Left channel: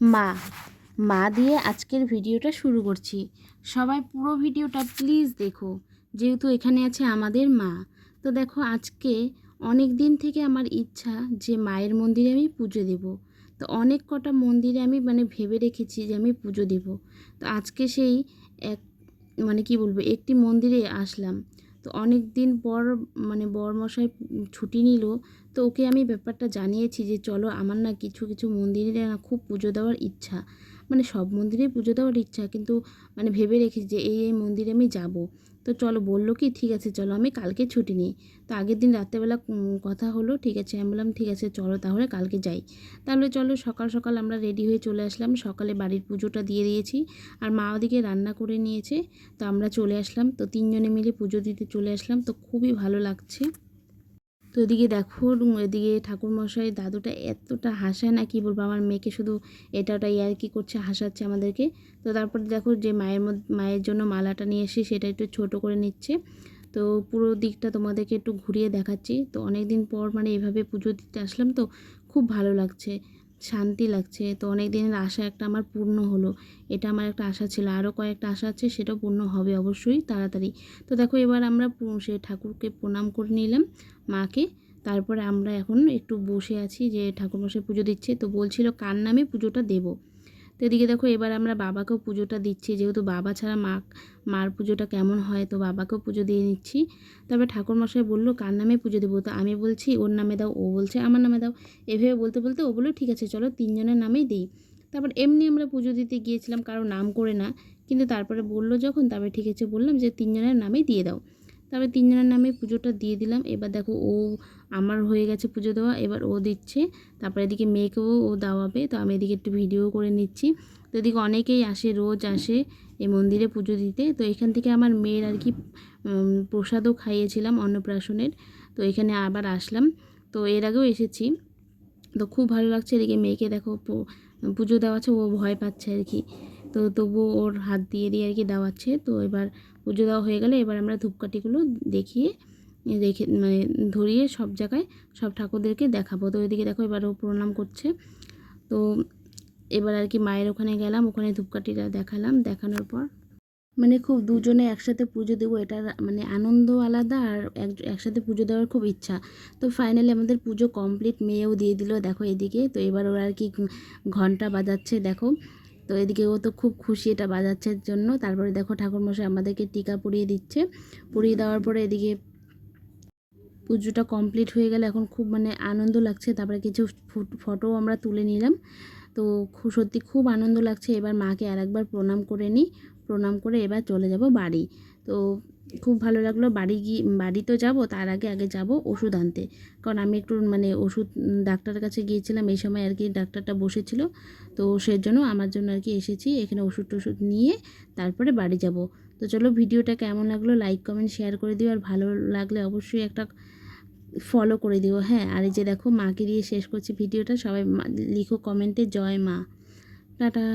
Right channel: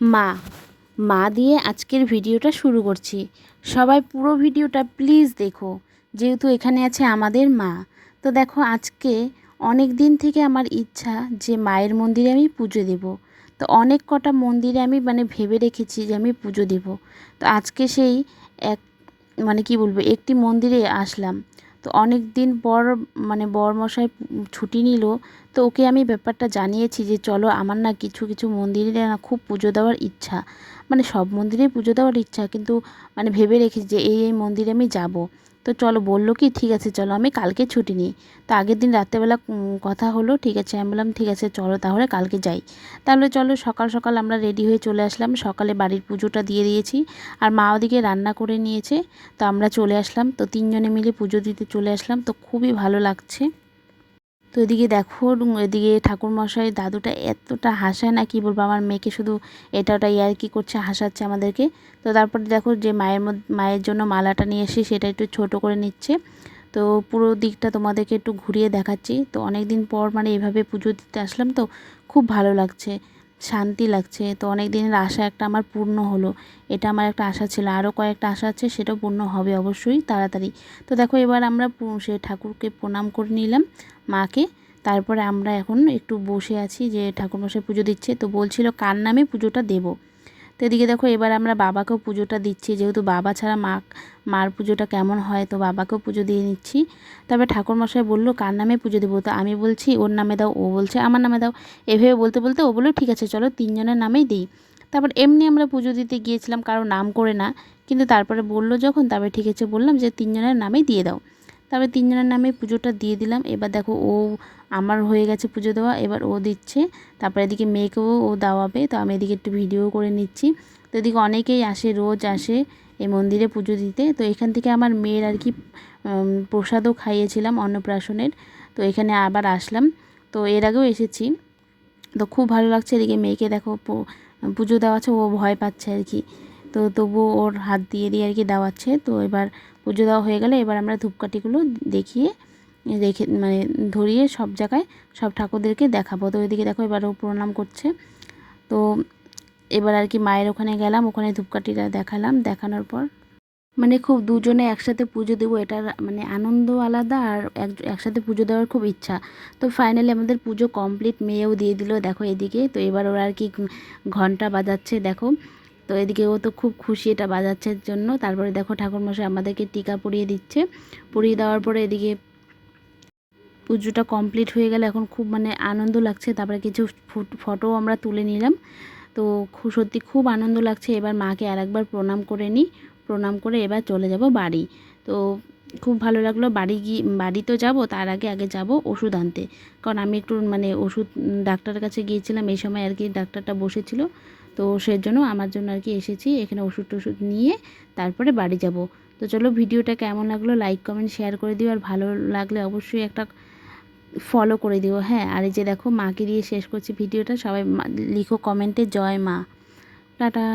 মা মা দিয়ে আজকের ভিডিওটা শুরু করছি। সবাই পুরো ভিডিওটা প্লিজ দেখো, যেহেতু এখানে আছে আমাদের মা। তো দেখো, আজকে অনেক দিন থেকে আমার ইচ্ছা যে মায়ের মন্দিরে আমি পুজো দেব। তো অনেক কটা মন্দিরে আমি মানে ভেবে রেখেছি যে আমি পুজো দেব। তো আজকে সেই এক মানে কি বলব, একটি মন্দিরে আসলাম। তো অনেক দিন পর মানে বরমশাই ছুটি নিল, তো ওকে আমি ব্যাপারটা জানিয়েছি যে চলো আমার না কিছু কিছু মন্দিরে না খুব পুজো দেওয়ার ইচ্ছা। মানে সব মন্দিরেই পুজো দেওয়ার ইচ্ছা, কিন্তু মানে ভেবে রেখেছি যে এই এই মন্দিরে আমি যাব। তো চলো বলল কি, ঠিক আছে, চলো, আমি কালকে ছুটি নিই। তো আগের দিন রাত্রেবেলা কথা হলো, ঠিক আছে, আমি বললাম, ঠিক আছে, চলো তাহলে কালকে যাই। তাহলে চলো সকাল সকাল আমরা রেডি হয়ে চলে আসলাম। সকালে বাড়ির পুজোটা দিয়ে দিয়েছি, আর মা ওদিকে রান্না করে নিয়েছে। তো আমরা চলে আসলাম। তো তিনজনে মিলে পুজো দিতে চলে আসলাম। তো খুবই ভালো লাগছে। তো এদিকে দেখো এদিকে ঠাকুরমশাই দাদুটা এতটা হাসায় না, কি বলব, আমার মেয়েকে শুধু এটা ওটা ইয়ার কি করছে, হাসাচ্ছে আমাদেরকে। তো তারপরে দেখো যে মায়ের মায়ের জন্য মালাটা নিয়ে এসে সেটা একটু ছোট করে নিচ্ছে। তো পুরো দিকটা তোমাদেরকে একটু ঘুরিয়ে দেখাচ্ছি। তো অনেক দিন পর মানে এভাবে পুজো দিতে আসলাম তো, খুব ভালো লাগছে। শান্তি লাগছে। তো অনেক দিনের আশা একটা আমার পূর্ণ হলো। এটা আমার একটা আশা ছিল। আরও কয়েকটা আশা আছে সেটাও পূর্ণ হবে অবশ্যই তাড়াতাড়ি। তো দেখো, এবার আমরা সে ঠাকুরকে প্রণাম করে নিলাম, মাকে। তারপরে আমরা এখন একটু বসে আছি যে ঠাকুর মশাই পুজো দিচ্ছে। তো বলছিল, কার নামে পুজোটা দেব? তো এদিকে দেখো, এবার আমরা বাবাকেও পুজোটা দিচ্ছি। যেহেতু বাবা ছাড়া মা, মার পুজোটা কেমন হয়, তো বাবাকেও পুজো দিয়ে নিচ্ছি। তারপরে ঠাকুরমশাই বলল, কার নামে পুজো দেবো? তো আমি বলছি, ওর নামে দাও। ও বলছে, আমার নামে দাও। এভাবে বলতে বলতে ও বলল, ঠিক আছে, চলো তিনজনের নামেই দিই। তারপর এমনি আমরা পুজো দিতে গিয়েছিলাম, কারও নাম করে না। কিন্তু তারপরে বলল যখন তারপরে ঠিক আছে, বললাম যে, তিনজনের নামেই দিয়ে দাও। তারপরে তিনজনের নামে পুজোটা দিয়ে দিলাম। এবার দেখো ও আমার হয়ে গেছে পুজো দেওয়া, এবার ও দিচ্ছে। তারপরে এদিকে মেয়েকেও ও দেওয়াবে, তো আমি এদিকে একটু ভিডিও করে নিচ্ছি। তো এদিকে অনেকেই আসে, রোজ আসে এই মন্দিরে পুজো দিতে। তো এখান থেকে আমার মেয়ের আর কি প্রসাদও খাইয়েছিলাম অন্নপ্রাশনের। তো এখানে আবার আসলাম। তো এর আগেও এসেছি। তো খুব ভালো লাগছে এদিকে মেয়েকে দেখো পুজো দেওয়াচ্ছে, ও ভয় পাচ্ছে আর কি। তো তবুও ওর হাত দিয়ে দিয়ে আর কি দেওয়াচ্ছে। তো এবার পুজো দেওয়া হয়ে গেলে এবার আমরা ধূপকাঠিগুলো দেখিয়ে রেখে মানে ধরিয়ে সব জায়গায় সব ঠাকুরদেরকে দেখাবো। তো ওইদিকে দেখো এবার ও প্রণাম করছে। তো এবার আর কি মায়ের ওখানে গেলাম, ওখানে ধূপকাঠিটা দেখালাম। দেখানোর পর মানে খুব দুজনে একসাথে পুজো দেবো, এটার মানে আনন্দ আলাদা আর এক- একসাথে পুজো দেওয়ার খুব ইচ্ছা। তো ফাইনালি আমাদের পুজো কমপ্লিট মেয়েও দিয়ে দিল। দেখো এদিকে, তো এবার ওরা আর কি ঘণ্টা বাজাচ্ছে। দেখো তো এদিকে ও তো খুব খুশি এটা বাজাচ্ছের জন্য। তারপরে দেখো ঠাকুরমশাই আমাদেরকে টিকা পরিয়ে দিচ্ছে। পরিয়ে দেওয়ার পরে এদিকে পুজোটা কমপ্লিট হয়ে গেলে এখন খুব মানে আনন্দ লাগছে। তারপরে কিছু ফটো আমরা তুলে নিলাম। তো সত্যি খুব আনন্দ লাগছে। এবার মাকে আরেকবার প্রণাম করে নিই প্রণাম করে এবার চলে যাব বাড়ি। তো খুব ভালো লাগল। বাড়ি গিয়ে বাড়ি তো যাব, তার আগে আগে যাব ওষুধ আনতে। কারণ আমি একটু মানে ওষুধ ডাক্তারের কাছে গিয়েছিলাম, এই সময় আর কি ডাক্তারটা বসেছিল। তো সেজন্য আমার জন্য আর কি এসেছি, এখানে ওষুধ টষুধ নিয়ে তারপরে বাড়ি যাব। তো চলো, ভিডিওটা কেমন লাগল লাইক কমেন্ট শেয়ার করে দিও। আর ভালো লাগলে অবশ্যই একটা ফলো করে দিও হ্যাঁ। আর এই যে দেখো, মাকে দিয়ে শেষ করছি ভিডিওটা, সবাই লিখো কমেন্টে জয় মা। টাটা।